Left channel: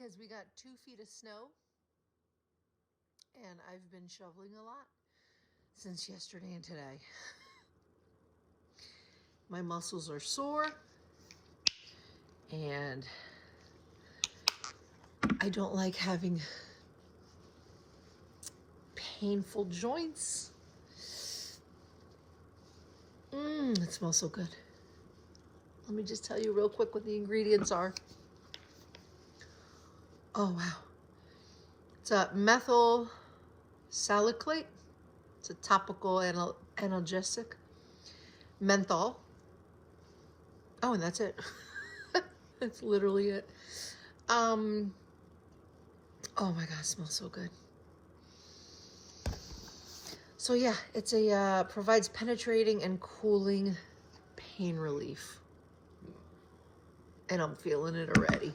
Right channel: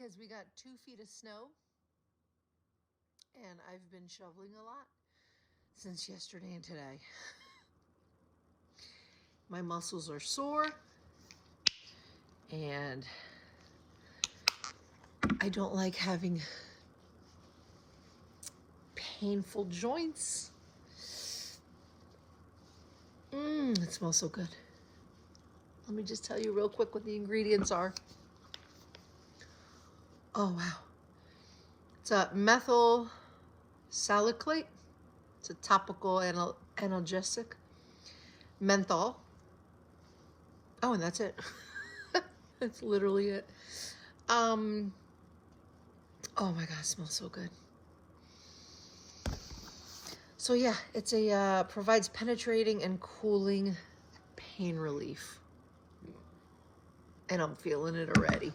because we got 2 feet of snow and I've been shoveling a lot since yesterday and today. My muscles are sore and I don't like having painful joints. It smells so good. Let me just tell you real quick what the ingredients are. Oh, wow. It's a methyl salicylate. It's a topical analgesic. Menthol. Oh, and that's it. That's literally it. Oh my God, it smells so good. So yeah, it's a provides penetrating and cooling pain relief. And I'm feeling it already.